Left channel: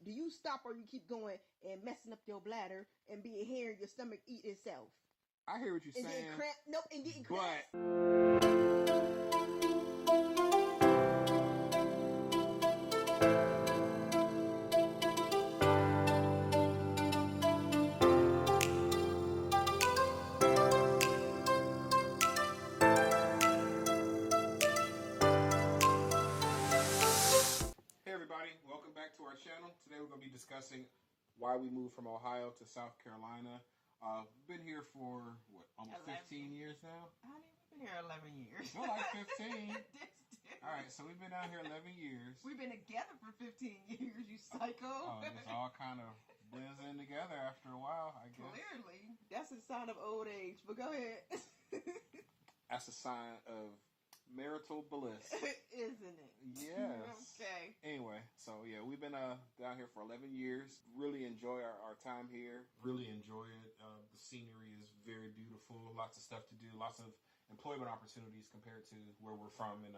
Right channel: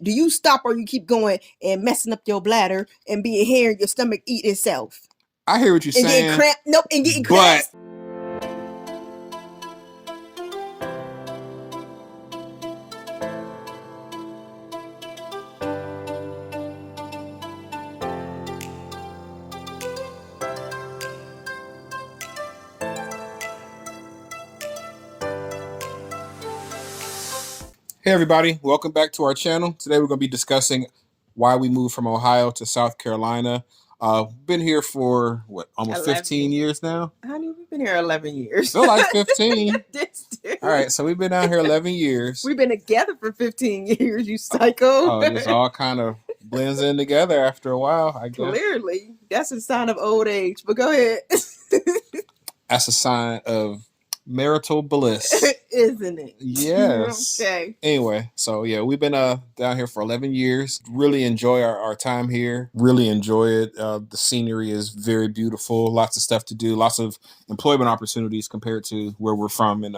Do you stop or you keep going and messing up your bladder and being here, your stomach eat itself? I hear what you're And saying. getting cramp. Nope, and getting but cramps. Hey everybody, welcome back to our channel. Today we're going to be discussing why we moved from Ohio to South Carolina. Been here for almost 15 years now. Honey, we've been here 11 years. Feel like 15. All right, so we've been down here 11 years. We've been together for 15 years, you psycho. Oh, this all kind of blends in together after a while, I guess. Clearly, that's a sign of old age, but go ahead. That's a sign of marital bliss. Isn't it? Yes. Okay. Anyway, so yeah, we've been down here for 11 years. Really enjoy our time here. Really enjoy it. The scenery is very beautiful. Lots of stuff to do. Lots of employment opportunities compared to where we're from in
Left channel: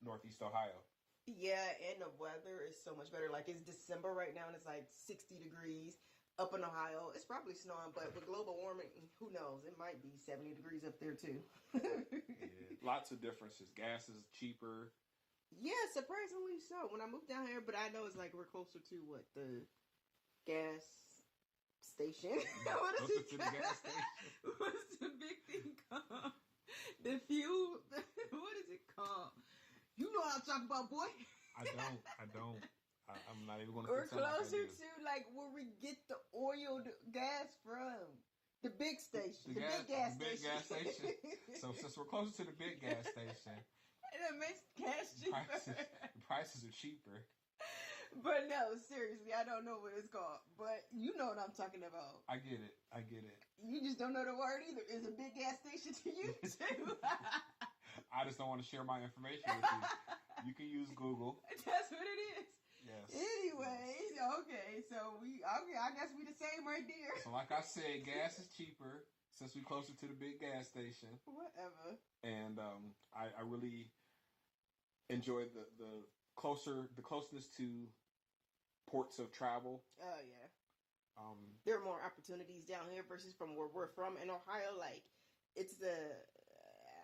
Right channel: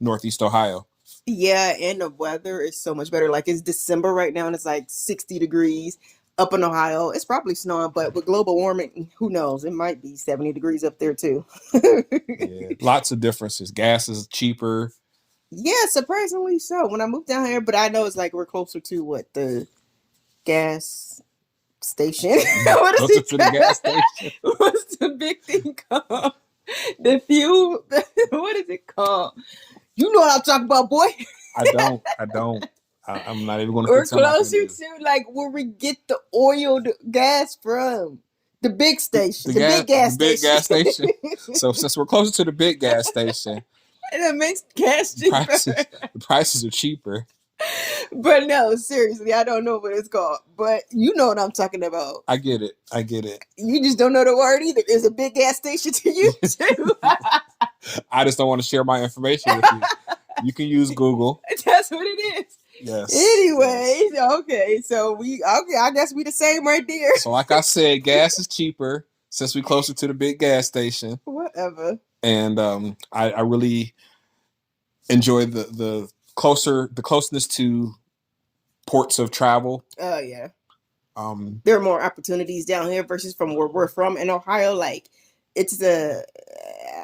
Northeast Ohio. Yeah, and the weather is so much better. Like, it's December right now and it's like 60 degrees. Up in Ohio, it's probably snowing, but with global warming, who knows? It might be 70 degrees up there too. Yeah, lots of differences. Gas is cheaper. Yeah, surprisingly so. When I moved down here, but I know it's like we're closer to the gas station. What is it? To the gas station. What's the big thing called? The fuel. What is it called? You know what I'm talking about, boy. I don't. I'm not even going to. We're closer to like where we get the oil, the gas from. The big station. The big gas station. So since we're closer to the big gas station, and it makes gas cheaper. The prices are cheaper. But no, seriously, I don't know what it's called. But you know what I'm talking about. I get it. You just don't know the word either. There's a big gas station to you too. I just don't want to share my information with you. You can use Google. That's what it is. Yes. Anyway, okay, so I guess we the same right there. So like I said, gas is cheaper since we closer to the big gas station. Whatever. And I really enjoy the closeness to ports of travel. Oh yeah. There are more opportunities down here versus from where we're from in Ohio. Like, it's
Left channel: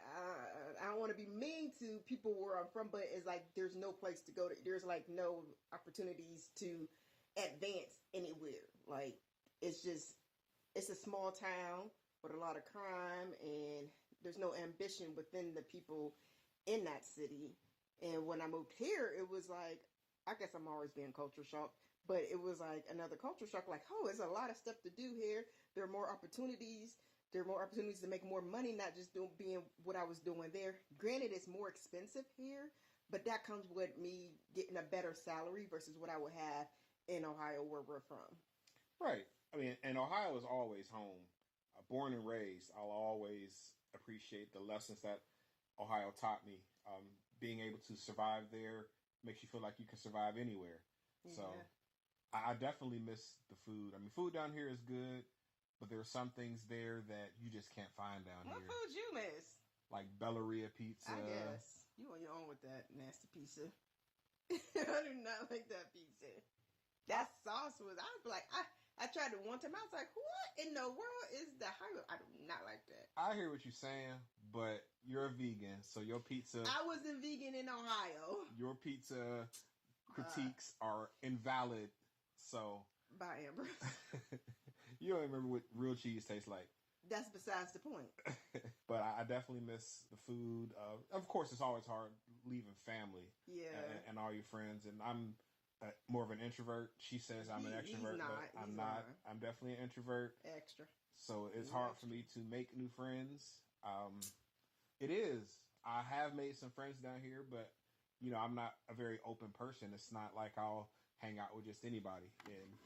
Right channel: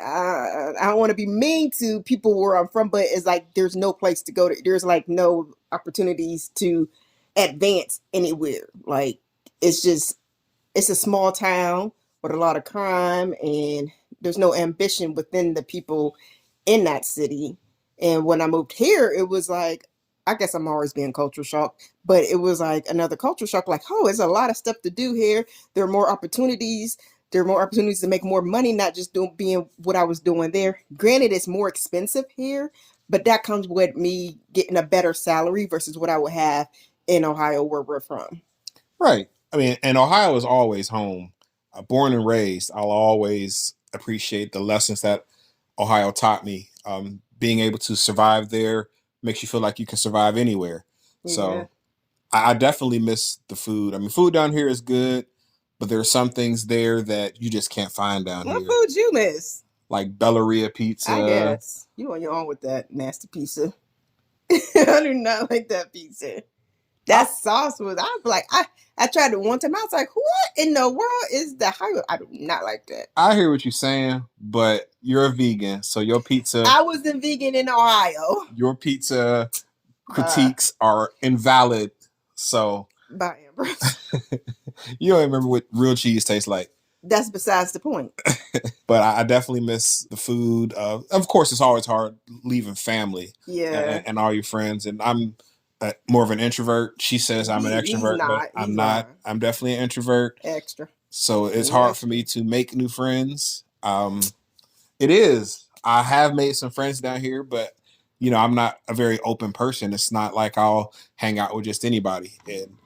I don't want to be mean to people where I'm from, but it's like there's no place to go to. There's like no opportunities to advance anywhere. Like, it's a small town with a lot of crime, and there's no ambition within the people in that city. And when I moved here, it was like, I guess I'm always being culture shocked, but it was like another culture shock. Like, oh, there's a lot of stuff to do here. There are more opportunities. There are more opportunities to make more money, not just being what I was doing there. Granted, it's more expensive here, but that comes with me getting a better salary versus what I would have in Ohio, where we're from. Right. I mean, and Ohio is always home. Born and raised, I'll always appreciate the lessons that Ohio taught me. Being able to survive there makes you feel like you can survive anywhere. Yeah. So I definitely miss the food. I mean, food down here is good, but there are some things there that you just can't find down here. What food you miss? Like Belleria pizza. I guess. You on your own with that nasty pizza. I do not like that pizza. That sauce was, I was like, I tried it one time. I was like, what in the world is that? I do not like that. I hear what you're saying, but you're a vegan, so your pizza. I was a vegan in Ohio. Your pizza critiques are invalid. So. By Ambrose. You don't remember what real cheese tastes like. That's besides the point. But I definitely miss the food. Of course, it's always hard leaving family. Yeah. And all your friends. And I'm more of an introvert. She says I'm an extrovert, but I'm not. I'm definitely an introvert. Extra. So it's hard for me to make new friends. It is. I have made some friends down here, but you know, I'm not a very open person. It's not like I'll hang out with just anybody. And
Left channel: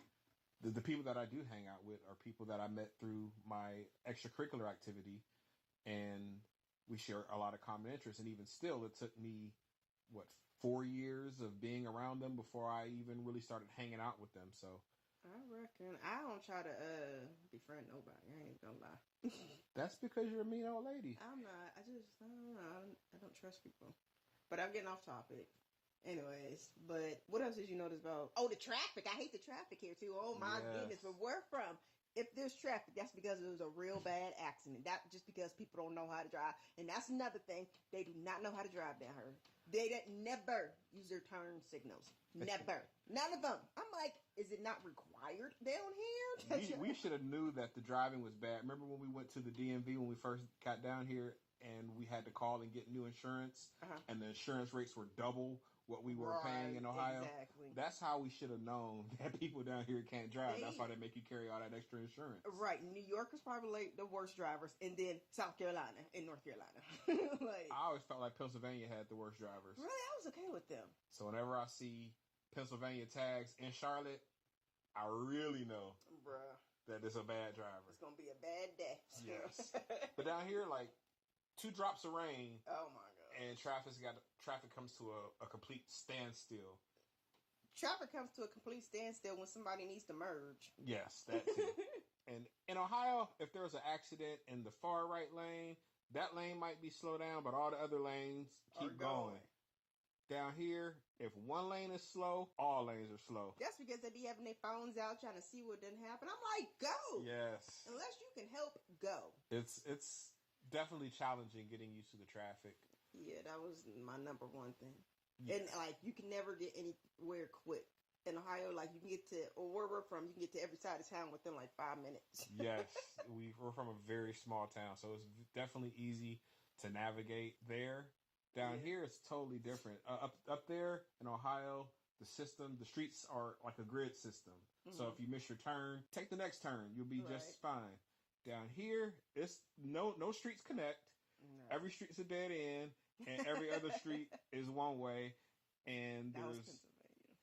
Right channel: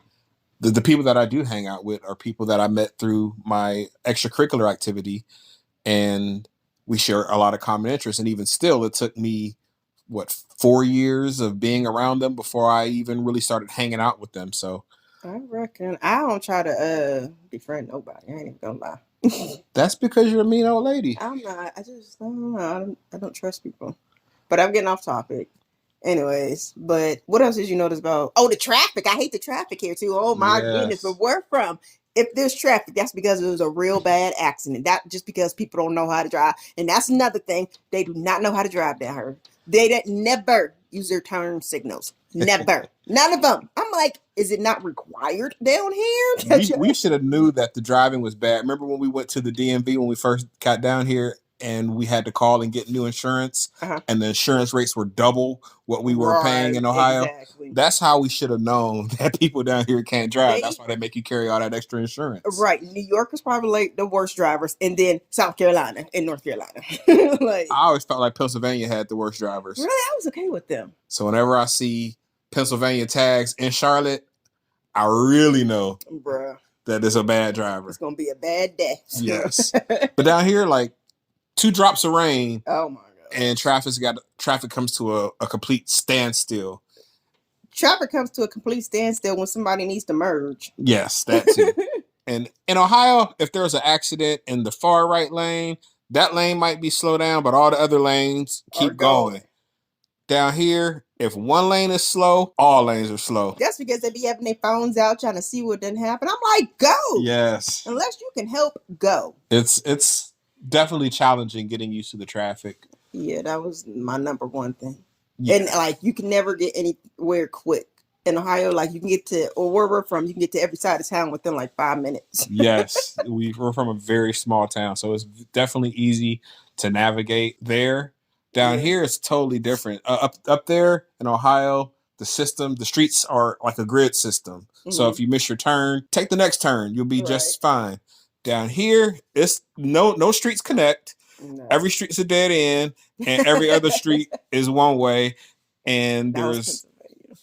the people that I do hang out with are people that I met through my extracurricular activity, and we share a lot of common interests. And even still, it took me 4 years of being around them before I even really started hanging out with them. So I reckon I don't try to befriend nobody. I ain't even gonna lie. That's because you're a mean old lady. I'm not. I just don't know. I don't trust people. But I'm getting off topic. Anyways, but what else did you notice about? Oh, the traffic. I hate the traffic here too. Oh my goodness. But Yes. where from? If there's traffic, that's because it was a real bad accident. That just because people don't know how to drive. And that's another thing. They do not know how to drive down here. They never use their turn signals. Never. None of them. I'm like, is it not required down here? We should have knew that the driving was bad. Remember when we went to the DMV when we first got down here and we had to call and get new insurance, and the insurance rates were double what we were paying in Ohio? Exactly. That's how we should have known that people down here can't drive. That's why they make you carry all that extra insurance. Right. New York is probably like the worst drivers, and then South Carolina and North Carolina. Like, I always felt like Pennsylvania had the worst drivers. Really? I was okay with them. So whenever I see Pennsylvania tags in Charlotte, I really know that it's a bad driver. It's gonna be a bad day. Yes. But down here, like 2 drops of rain. Oh my god. And traffic comes to a complete standstill. Traffic comes to a complete standstill when somebody needs to merge. Yes, that too. And in Ohio, if there's an accident in the far right lane, that lane might be slowed down, but all the other lanes keep going. Down here, if one lane is slow, all lanes are slow. That's because they be having their phones out trying to see what didn't happen. I'm like, go. Yes. Unless you can help, go. It's definitely challenging getting used to the traffic. Yeah, that was my number one thing. Yeah. And like you can never get anywhere quick. In Ohio, like you can get to, or where we're from, you can get to every side of town within like 5 minutes. Yes, we're from a very small town, so it's definitely easy to navigate there. Down here, it's totally different. Up there in Ohio, the streets are like a grid system. So if you miss your turn, take the next turn. You'll be just fine. Down here, it's no streets connect. No. Every street's a dead end, and every other street is one way. And there's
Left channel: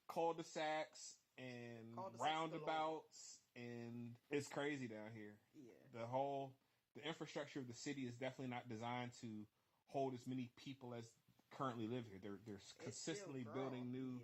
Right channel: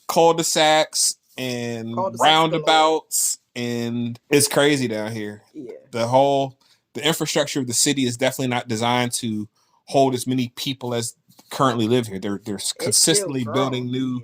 cul-de-sacs and roundabouts, and it's crazy down here. Yeah. The infrastructure of the city is definitely not designed to hold as many people as currently live here. They're consistently building new.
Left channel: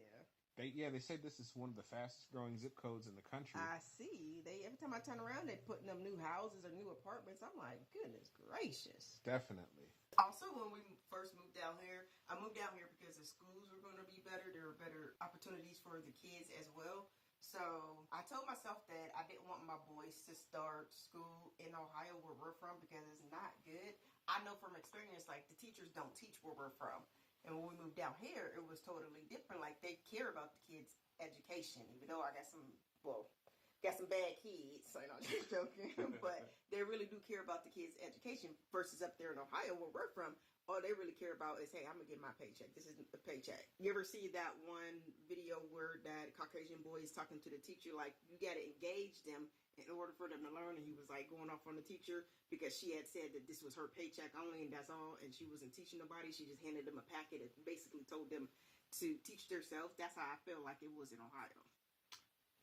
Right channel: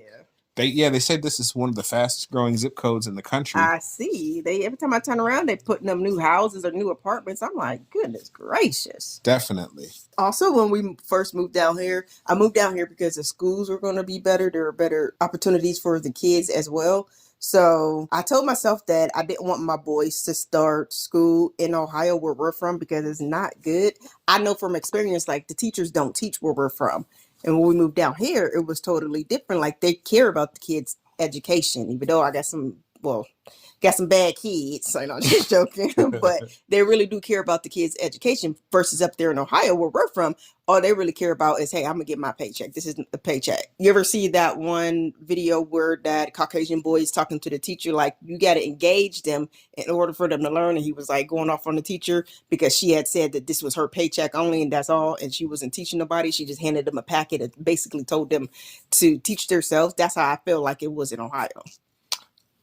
They say this is one of the fastest growing zip codes in the country. I see. Every time I turn around, they putting up new houses or new apartments. I'm like, goodness gracious. Definitely. Also, when we first moved down here, I moved down here because the schools were going to be better. There were better opportunities for the kids as well. So I told myself that I didn't want my boys to start school in Ohio where we're from because it's not good. I know from experience, like the teachers don't teach where we're from. And when we moved down here, it was totally different. Like they care about the kids' education, even though I got some bad kids. So I'm just joking, but they really do care about the kids' education versus up there in Ohio where we're from. All they really care about is, hey, I'm gonna get my paycheck. This isn't the paycheck. You ever see that one video where that Caucasian boy is talking to the teacher, like you got to engage them in order for them to learn? And he was like going off on the teacher because she had said that this was her paycheck only and that's all. And she wasn't teaching nobody. She just handed them a packet and basically told them to teach themselves. That's how I feel like it was in Ohio.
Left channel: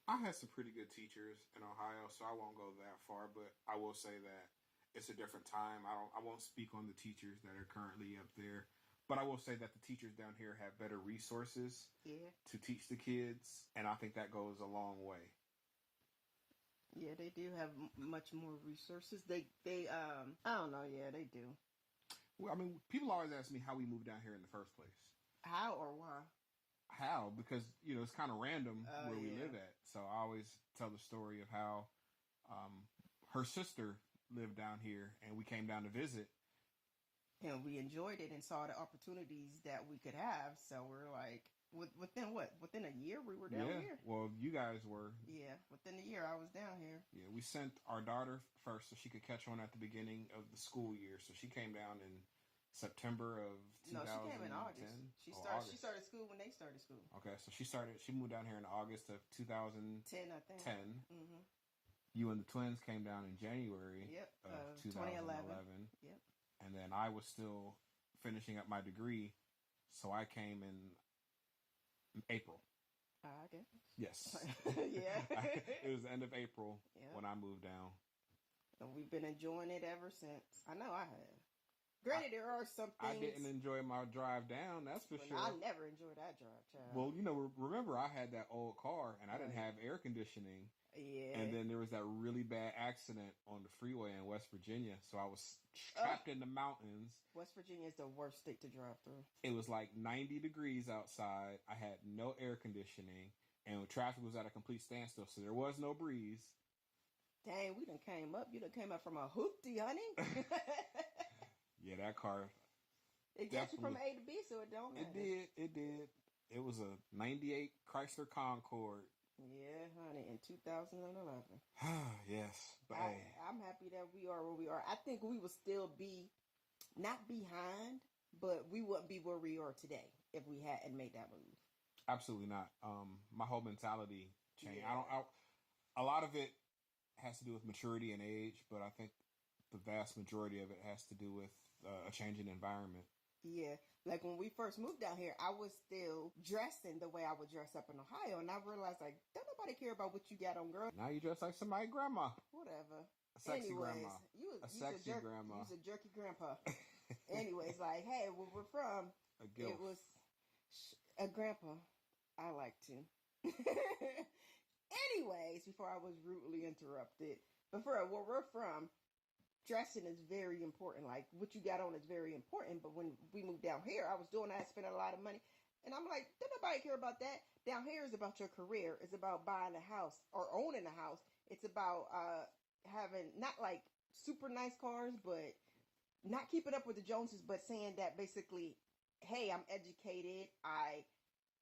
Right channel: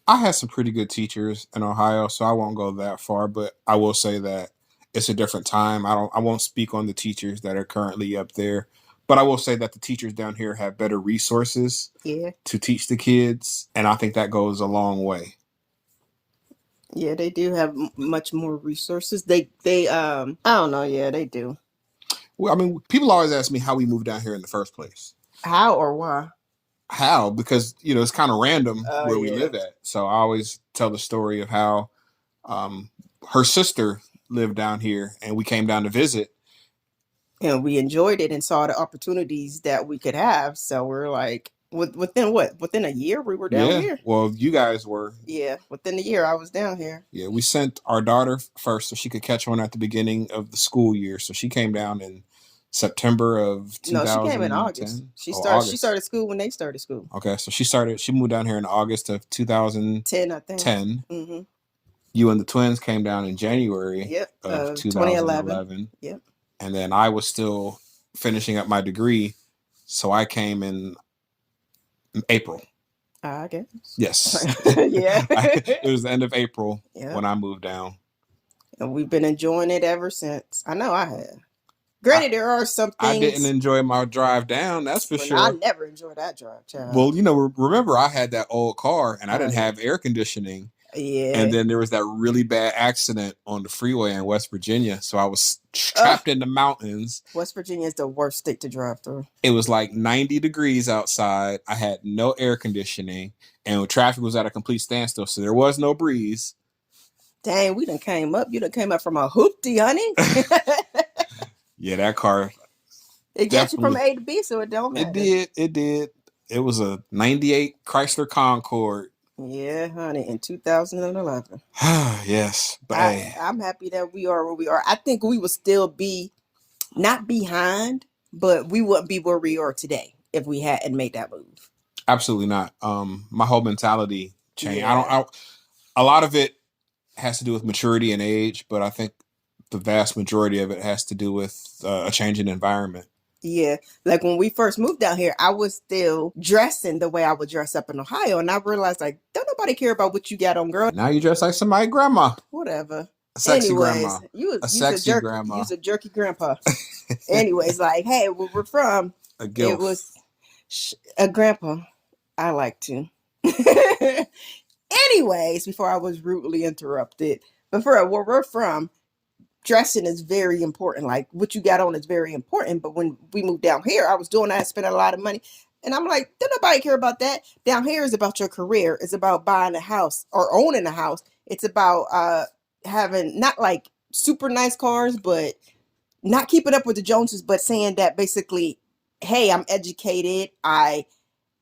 I had some pretty good teachers in Ohio, so I won't go that far, but I will say that it's a different time. I won't speak on the teachers that are currently up there, but I will say that the teachers down here have better resources to teach the kids, and I think that goes a long way. Yeah, they do have much more resources. They I don't know, yeah, they do. Well, I mean, people always ask me how we moved down here in the first place. How or why? How? Because it's kind of random where we live at. So I always tell the story of how her sister lived down here and we came down to visit. And we enjoyed it and saw the opportunities that we could have. So we're like, within a year we were down here? Well, you guys were. Yeah, within a year I was down here. Yeah, we sent our daughter first so she could catch on at the beginning of the school year. So she came down in September of 2010. No, she came in August. She started school when they started school. Okay, so she moved down here in August of 2010, I think. Mm-hmm. You and the twins came down in January of 2011. Yep. And then I was still finishing up my degree, so I came in April. I guess. Yes. Yeah. It was the end of April when I moved down. And we've been enjoying it ever since. I know I have. Granted, there are some things. I didn't enjoy my drive down, that's for sure. I never enjoyed that drive, child. Well, remember I had that old car and I didn't have air conditioning. Yeah. And then there was that really bad accident on the freeway in West Virginia. So I was Ugh. trapped in the mountains. West Virginia is the worst state to drive through. It was like 90 degrees outside. I had no air conditioning, and traffic was at a complete standstill. So there was no breeze. Dang, we done came up. You done came up from a hoopty, honey. Yeah, that car. It gets you from A to B, so it don't matter. It did. It did. It was a 98 Chrysler Concorde. Yeah, honey, in 2011. Yes, but I'm happy that we are where we are. I think we would still be not behind, but we wouldn't be where we are today if we hadn't made that move. Absolutely not. My whole mentality changed. Yeah. A lot of it has to do with maturity and age, but I think the vast majority of it has to do with a change in environment. Yeah, like when we first moved down here, I was still dressing the way I would dress up in Ohio, and I realized like, don't nobody care about what you got on, girl. Now you dress like somebody's grandma. Whatever. A sexy Anyways, grandma. A sexy grandma. You was a jerky grandpa. Anyways, like, hey, where we're from, it was a grandpa. I like to. Anyways, before I was rudely interrupted, but for where we're from, dressing is very important. Like what you got on is very important. But when we moved down here, I was doing that, spending a lot of money. And I'm like, don't nobody care about that. Down here is about your career. It's about buying a house or owning a house. It's about having not like super nice cars, but not keeping up with the Joneses, but saying that basically, hey, I'm educated. I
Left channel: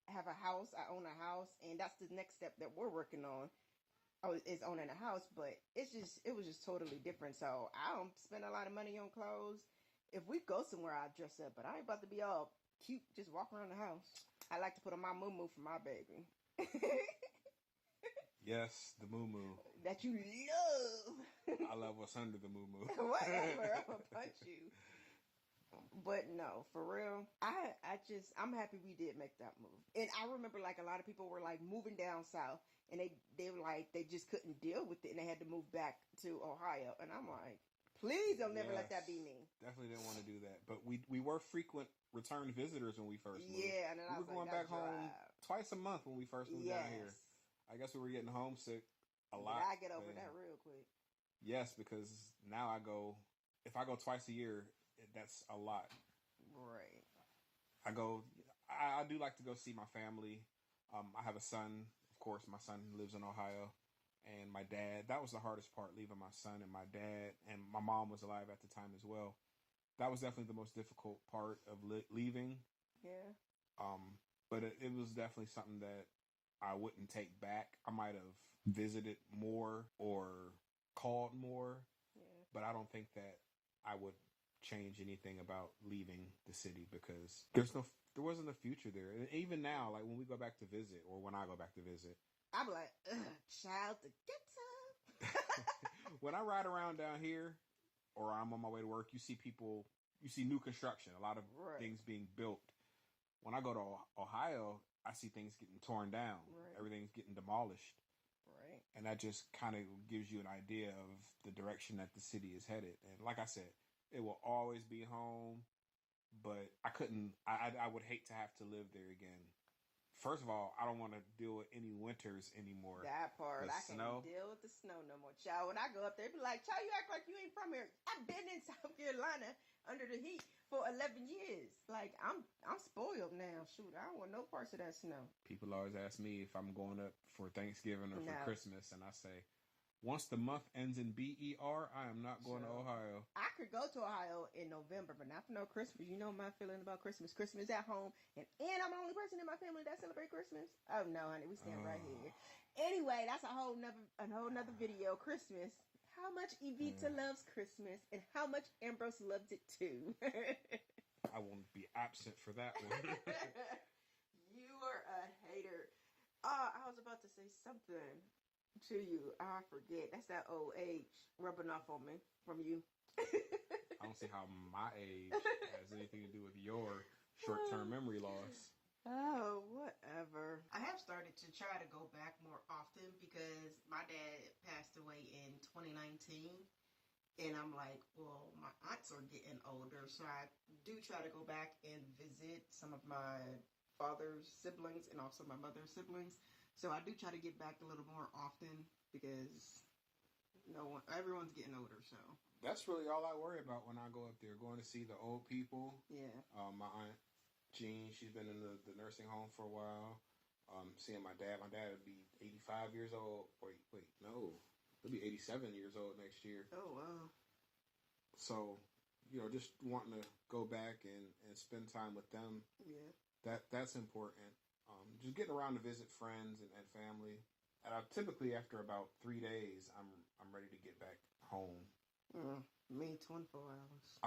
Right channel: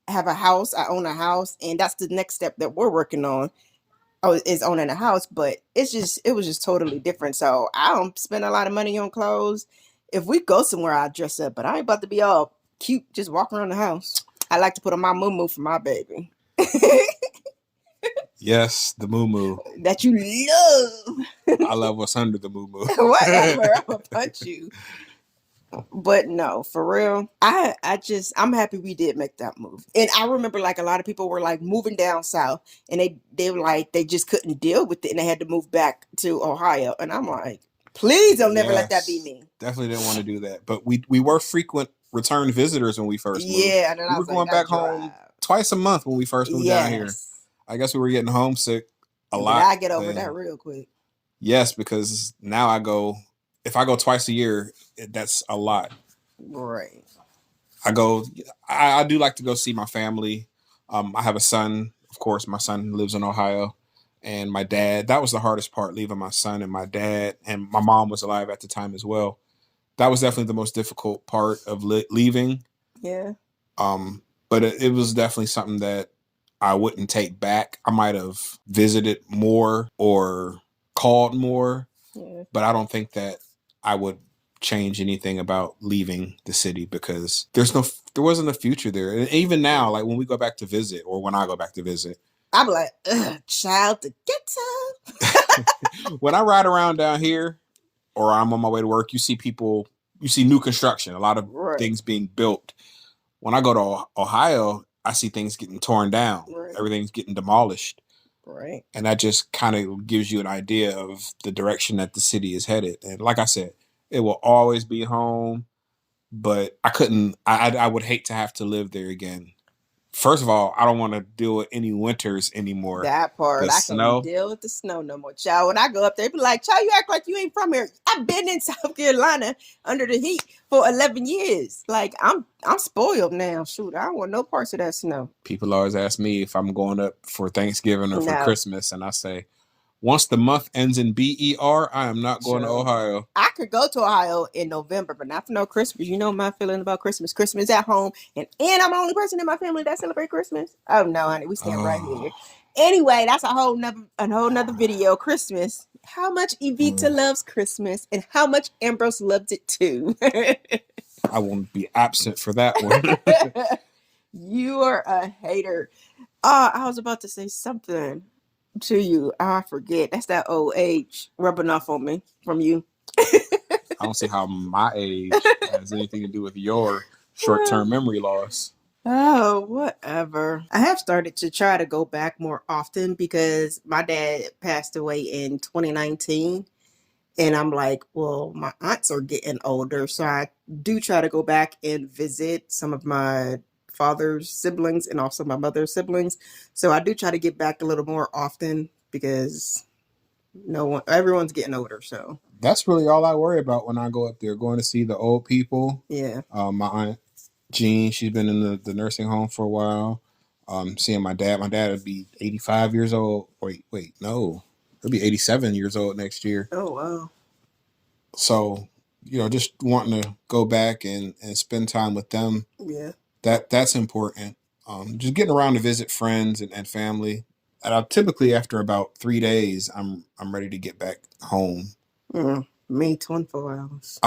have a house. I own a house. And that's the next step that we're working on. Is owning a house, but it was just totally different. So I don't spend a lot of money on clothes. If we go somewhere, I dress up, but I ain't about to be all cute just walking around the house. I like to put on my moo for my baby. Yes, the moo that you love. I love what's under the moo. Whatever, I'm gonna punch you. But no, for real, I'm happy we did make that move. And I remember like a lot of people were like moving down south and they were like, they just couldn't deal with it and they had to move back to Ohio. And I'm like, please don't never let that be me. Definitely didn't want to do that. But we were frequent return visitors when we first moved. Yeah, and then we were going back home twice a month when we first moved down here. I guess we were getting homesick a lot. I get over that real quick. Yes, because now if I go twice a year, that's a lot. Right. I do like to go see my family. I have a son, of course. My son lives in Ohio, and my dad. That was the hardest part, leaving my son and my dad, and my mom was alive at the time as well. That was definitely the most difficult part of leaving. Yeah. But it was definitely something that I wouldn't take back. I might have visited more or called more, but I don't think that I would change anything about leaving the city because there wasn't a future there. And even now, like when we go back to visit or when I go back to visit, I'm like, child to get some. When I ride around down here or I'm on my way to work, you see new construction, a lot of things being built. When I go to Ohio, I see things getting torn down. Right. Everything's getting demolished. Right. And that just kind of gives you an idea of the direction that the city is headed. And like I said, it will always be home, but I would hate to have to live there again. First of all, I don't want to deal with any winters anymore. That part. I can't deal with the snow no more. Child, when I go up there, be like, child, you act like you ain't from here. I've been in South Carolina under the heat for 11 years. Like, I'm spoiled now. Shoot, I don't want no parts of that snow. People always ask me if I'm going up for Thanksgiving or for Christmas, and I say, once the month ends in BER, I am not going to Ohio. I could go to Ohio in November, but not for no Christmas. You know my feeling about Christmas. Christmas at home, and I'm the only person in my family that celebrate Christmas. Oh no, honey, we stand right here. Anyway, that's a whole nother video. Christmas. How much Evita loves Christmas, and how much Ambrose loves it too. I won't be absent for that one. You are a hater. I was about to say something to you. I forget. That's that old age rubbing off on me from you. I don't see how my age has anything to do with your short-term memory loss. Oh, whatever. I have started to try to go back more often because my dad passed away in 2019. And I'm like, well, my aunts are getting older. So I do try to go back and visit some of my father's siblings and also my mother's siblings. So I do try to get back a little more often because everyone's getting older. So that's really all I worry about when I go up there, going to see the old people. Yeah. My aunt Jean, she's been in the nursing home for a while. Seeing my dad. My dad would be 85 years old. Wait, no. He'll be 87 years old next year. Oh, wow. So, just wanting to go back and spend time with them. Yeah. That's important. Just getting around to visit friends and family. And typically after about 3 days, I'm ready to get back home. Me, 24 hours.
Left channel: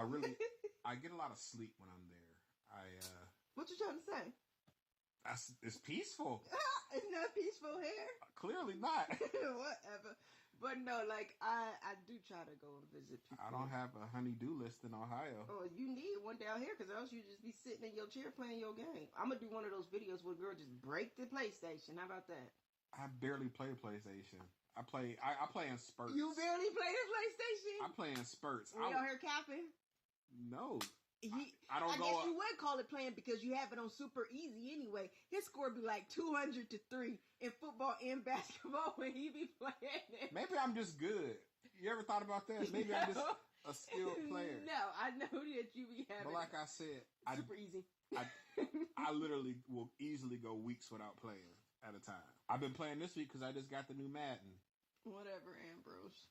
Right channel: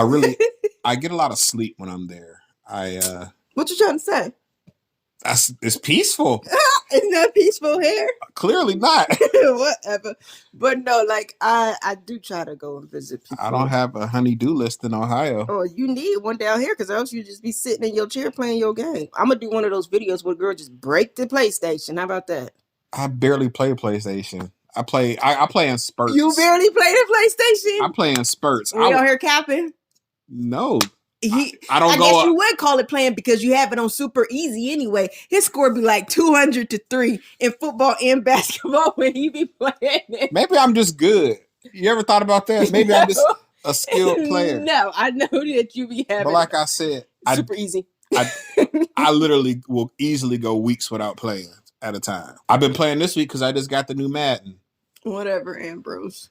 I get a lot of sleep when I'm there. What you trying to say? It's peaceful. Isn't that peaceful here? Clearly not. Whatever. But no, like I do try to go and visit people. I don't have a honey-do list in Ohio. Oh, you need one down here because else you just be sitting in your chair playing your game. I'm gonna do one of those videos where a girl just break the PlayStation. How about that? I barely play PlayStation. I play in spurts. You barely play the PlayStation? I play in spurts. We out here capping? No. I guess you would call it playing because you have it on super easy anyway. His score be like 200-3 in football and basketball when he be playing it. Maybe I'm just good. You ever thought about that? Maybe I'm just a skilled player. No, I know that you be having. But like I said, super easy. I literally will easily go weeks without playing at a time. I've been playing this week because I just got the new Madden. Whatever, Ambrose.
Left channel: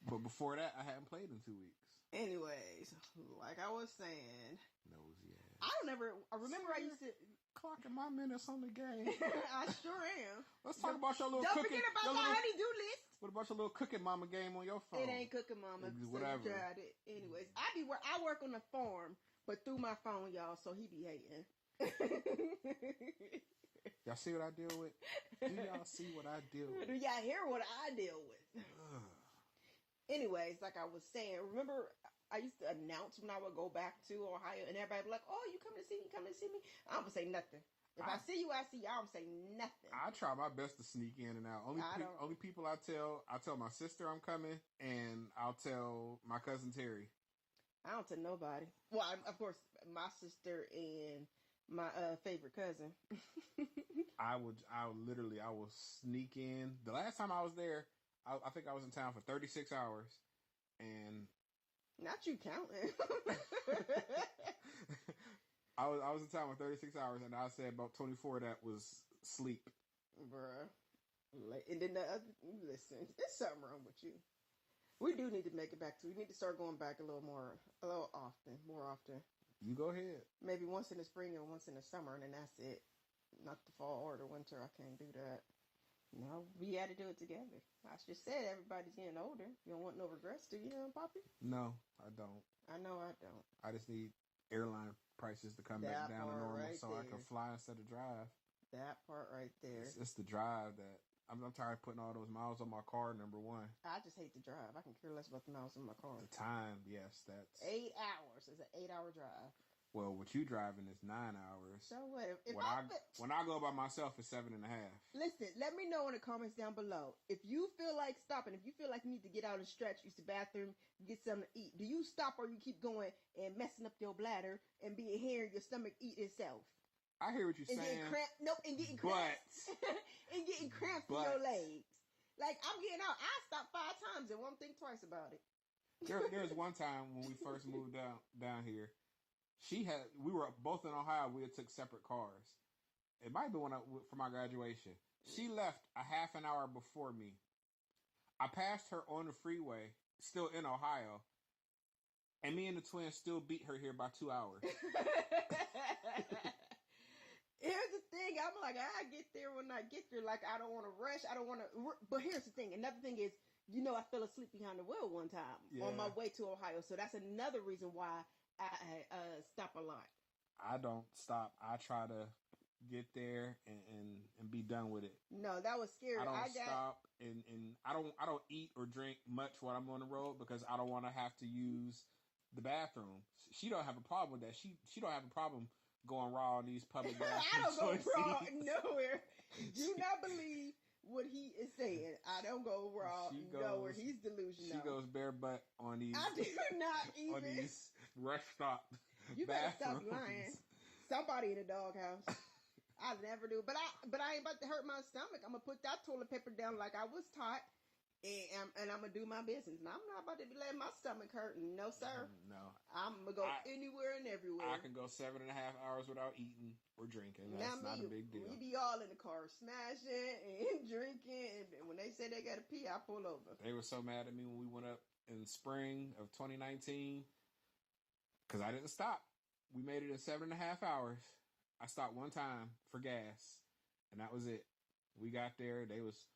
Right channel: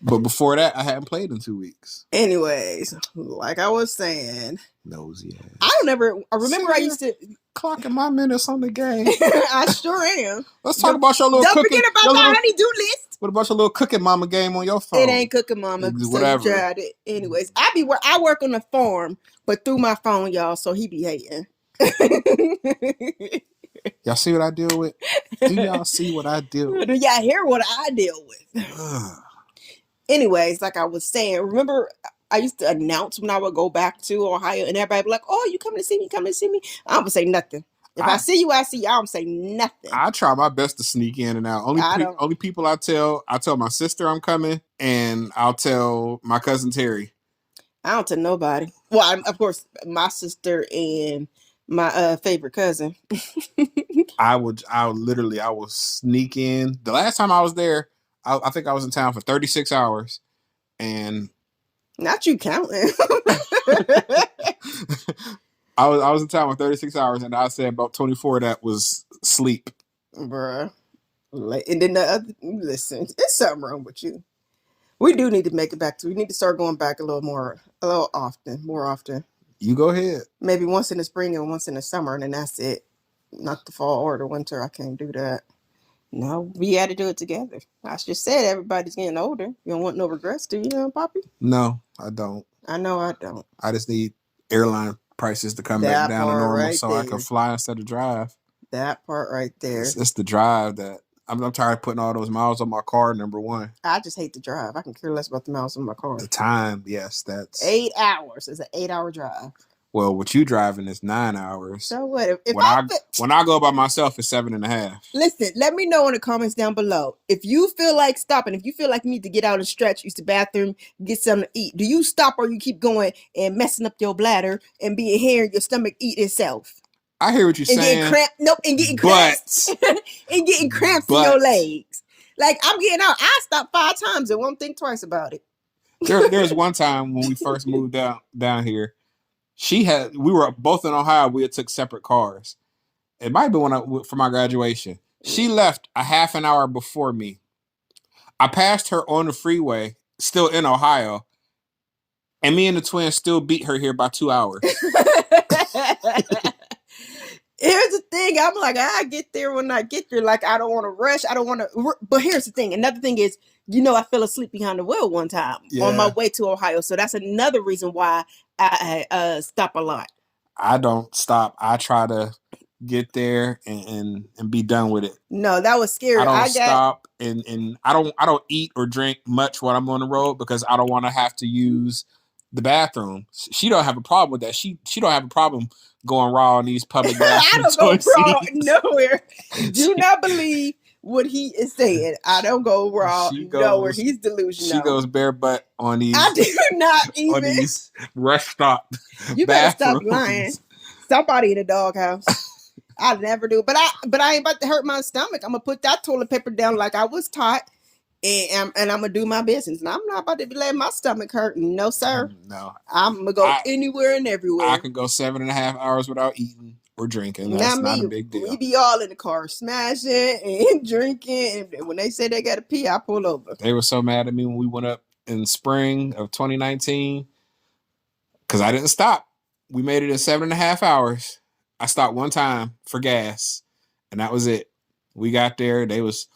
But before that, I hadn't played in 2 weeks. Anyways, like I was saying, nosy ass. I remember I used to clocking my minutes on the game. I sure am. Let's talk about your little Don't cooking. Forget about the honey-do list. What about your little Cooking Mama game on your phone? It ain't Cooking Mama. Whatever. So you tried it. Anyways, I work on the farm, but through my phone, y'all, so he be hating. Y'all see what I deal with? Do y'all see what I deal with? Do y'all hear what I deal with? Anyways, like I was saying, remember I used to announce when I would go back to Ohio and everybody be like, oh, you coming to see me, I don't say nothing. If I see you, I see you. I don't say nothing. I try my best to sneak in and out. Only people I tell my sister I'm coming, and I'll tell my cousin Terry. I don't tell nobody. Well, of course, my sister and my favorite cousin. I will sneak in. The last time I was there, I think I was in town for 36 hours, and not you counting. I was in town for 36 hours, and I said about 24 of that was sleep. Bruh. And then listen, there's something wrong with you. We do need to make it back we need to start going back more often. You go ahead. Maybe once in the spring and once in the summer, and then that's it. Not the fall or the winter. I can't do that. No, we had to do it together. I just said everybody's getting older. You don't want no regrets, do you, Poppy? No, I don't. I know I don't. I just need airline prices to come back down to normal so I can fly instead of drive. That part right there. It's the drive that I'm tired of putting all those miles on my car, number one. I just hate the drive. I can care less about the miles on my car. The time, yes, that's 8 hours. It's an 8-hour drive. Well, what you driving is 9 hours. So what? When I go by myself, it's 7.5. Listen, let me know in the comments down below. If you feel like stopping, if you feel like you need to get out and stretch, use the bathroom, get something to eat, do you stop or you keep going and messing up your bladder and being hearing your stomach eat itself? I hear what you're saying. And getting cramps. And getting cramps in your legs. Like, I'm getting out. I stopped 5 times and won't think twice about it. There's one time when we first moved down here. We were both in Ohio. We had took separate cars. It might be for my graduation. She left a half an hour before me. I passed her on the freeway, still in Ohio, and me and the twins still beat her here by 2 hours. Here's the thing. I'm like, I get there when I get there. Like, I don't want to rush. I don't want to. But here's the thing. Another thing is, I fell asleep behind the wheel one time on my way to Ohio. So that's another reason why I stop a lot. I don't stop. I try to get there and be done with it. No, that was scary. I don't stop and I don't eat or drink much when I'm on the road because I don't want to have to use the bathroom. She don't have a problem with that. She don't have a problem going raw in these public bathrooms. I don't go raw nowhere. Do not believe what he is saying. I don't go raw nowhere. He's delusional. She goes bare butt on these. I do not even. On these rest stop. You better stop lying. Somebody in the doghouse. I never do. But I ain't about to hurt my stomach. I'm gonna put that toilet paper down like I was taught and I'm gonna do my business. And I'm not about to be letting my stomach hurt. No, sir. No, I'm gonna go anywhere and I everywhere. can go 7.5 hours without eating or drinking. That's Not not me. a big We deal. be all in the car smashing and drinking. And when they say they got to pee, I pull over. They were so mad at me when we went up in spring of 2019 because I didn't stop. We made it in 7.5 hours. I stopped one time for gas, and that was it. We got there. They was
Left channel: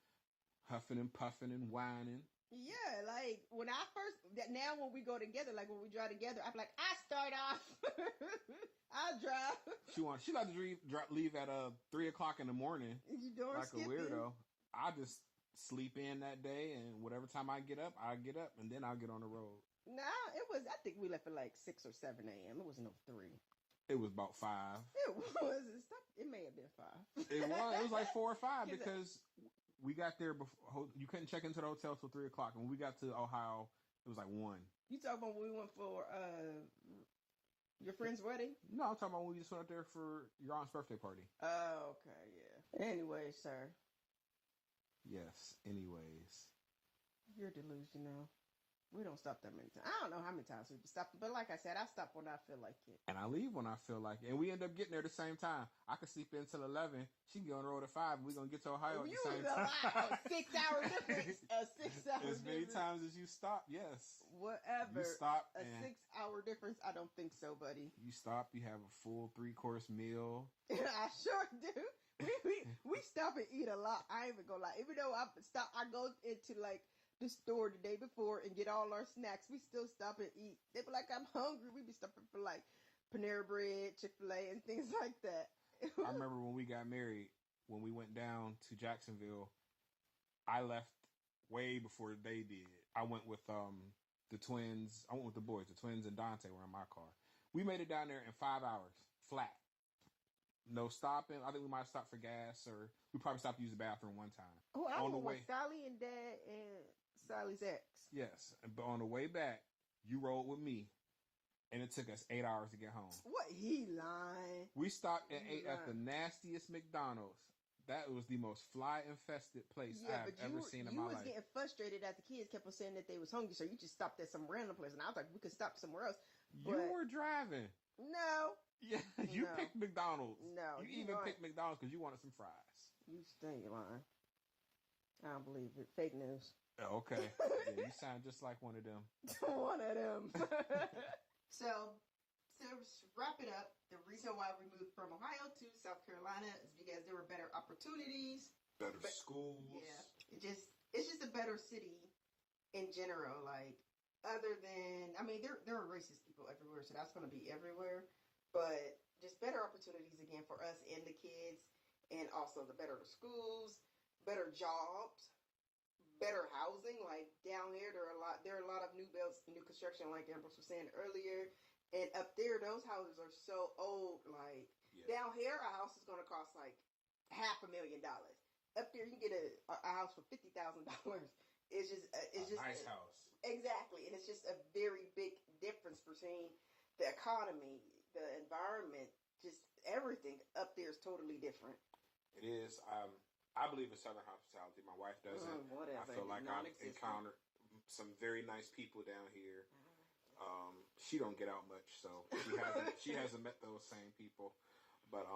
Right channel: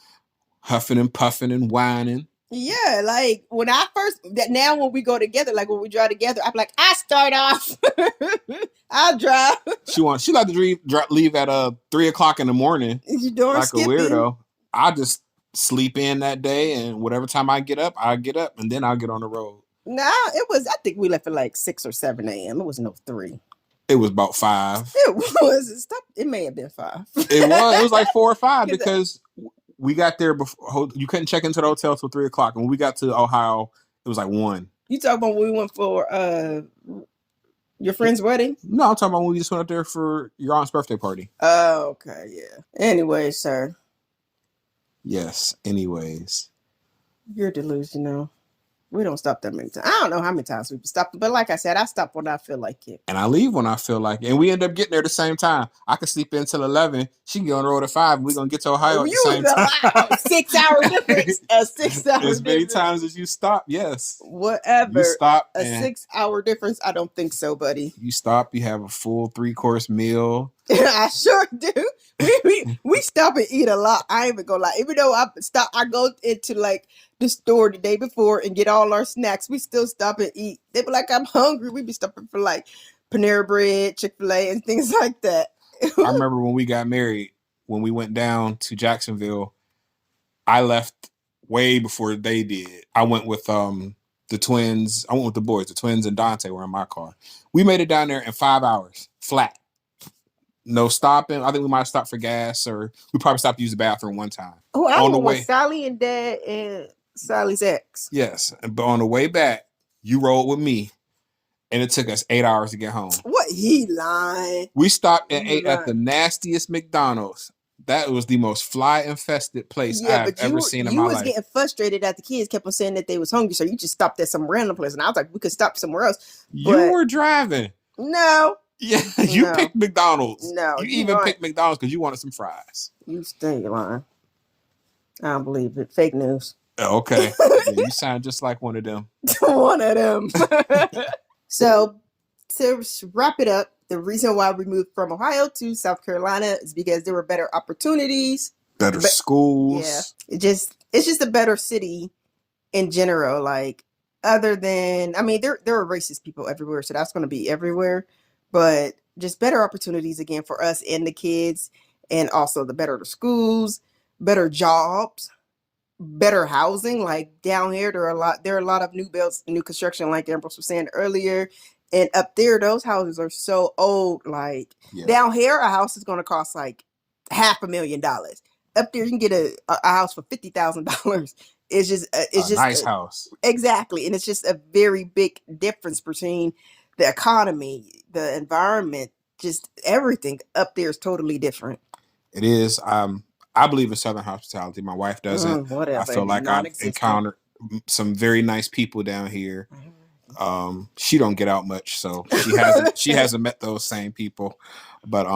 huffing and puffing and whining. Yeah, like when I first now when we go together, like when we drive together, I'm like, I start off. I'll drive. She like to leave at 3 o'clock in the morning, You doing like a skipping? weirdo. I just sleep in that day, and whatever time I get up, and then I'll get on the road. Nah, it was. I think we left at like 6 or 7 a.m. It was no 3. It was about 5. It was. Stop. It may have been 5. It was like 4 or 5 because we got there before. You couldn't check into the hotel till 3 o'clock, and when we got to Ohio, it was like 1. You talking about when we went for your friend's wedding? No, I'm talking about when we just went up there for your aunt's birthday party. Oh, okay, yeah. Anyway, sir. Yes. Anyways, You're delusional. We don't stop that many times. I don't know how many times we've stopped, but like I said, I stop when I feel like it. And I leave when I feel like it. And we end up getting there at the same time. I can sleep in till 11. She can get on the road at 5. And we're going to get to Ohio at the same time. 6 hours difference. A 6 hour As many difference. times as you stop, yes. Whatever. You stop. A 6 hour difference? I don't think so, buddy. You stop, you have a full 3-course meal. I sure do. We stop and eat a lot. I ain't even gonna lie. Even though I go into like the store the day before and get all our snacks, we still stop and eat. They be like, I'm hungry. We be stopping for like Panera Bread, Chick-fil-A, and things like that. I remember when we got married, when we went down to Jacksonville, I left way before they did. I went with the twins. I went with the boys. The twins and Dante were in my car. We made it down there in 5 hours, flat. No stopping. I think we might have stopped for gas, or we probably stopped to use the bathroom one time. Oh, I went with Sally and Dad and Sally's ex. Yes, but on the way back, you rode with me, and it took us 8 hours to get home. What? He lying. We stopped and ate at the nastiest McDonald's. That was the most fly-infested place I've ever seen in my life. You was getting frustrated that the kids kept on saying that they was hungry, so you just stopped at some random place. And I was like, we could stop somewhere else. You were driving. No. Yeah, you picked McDonald's. No. You even picked McDonald's because you wanted some fries. You stay lying. I don't believe it. Fake news. Okay. Yeah, you sound just like one of them. One of them. So, to wrap it up, the reason why we moved from Ohio to South Carolina is because there were better opportunities, better schools. Yeah, it's just a better city in general. Like, other than, I mean, there are racist people everywhere, so that's going to be everywhere. But just better opportunities again for us and the kids, and also the better the schools, better jobs, better housing. Like down here, there are a lot of new builds, new construction, like Ambrose was saying earlier. And up there, those houses are so old. Like down here, a house is going to cost like $500,000. Up there, you can get a house for $50,000. It's just a nice house. Exactly, and it's just a very big difference between the economy, the environment, just everything up there is totally different. It is. I believe in Southern hospitality. My wife doesn't. Whatever. I feel like I've encountered some very nice people down here. She don't get out much, so she hasn't met those same people. But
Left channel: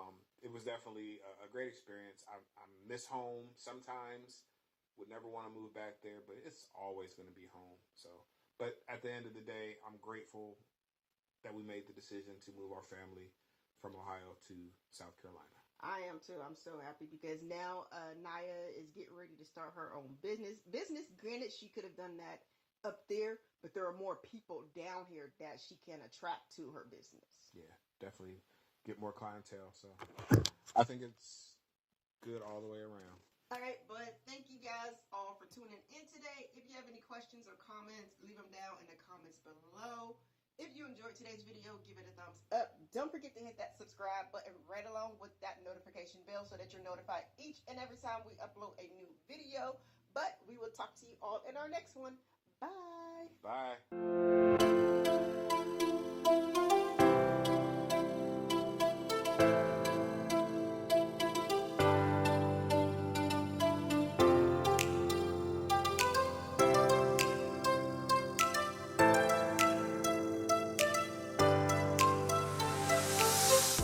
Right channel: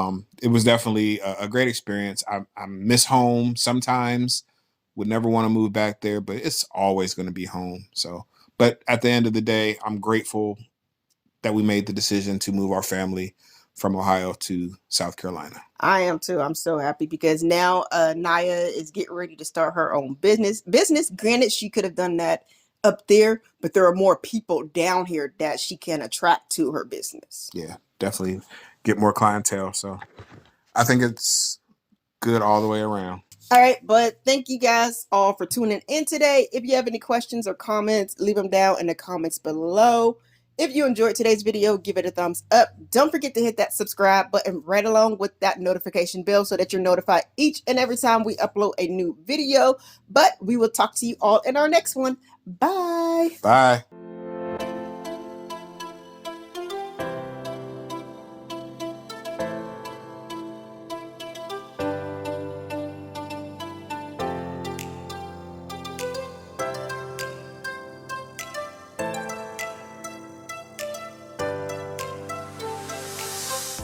it was definitely a great experience. I miss home sometimes. Would never want to move back there, but it's always going to be home. So, but at the end of the day, I'm grateful that we made the decision to move our family from Ohio to South Carolina. I am too. I'm so happy because now Naya is getting ready to start her own business. Granted, she could have done that up there, but there are more people down here that she can attract to her business. Yeah, definitely get more clientele. So I think it's good all the way around. All right, but thank you guys all for tuning in today. If you have any questions or comments, leave them down in the comments below. If you enjoyed today's video, give it a thumbs up. Don't forget to hit that subscribe button right along with that notification bell so that you're notified each and every time we upload a new video. But we will talk to you all in our next one. Bye. Bye.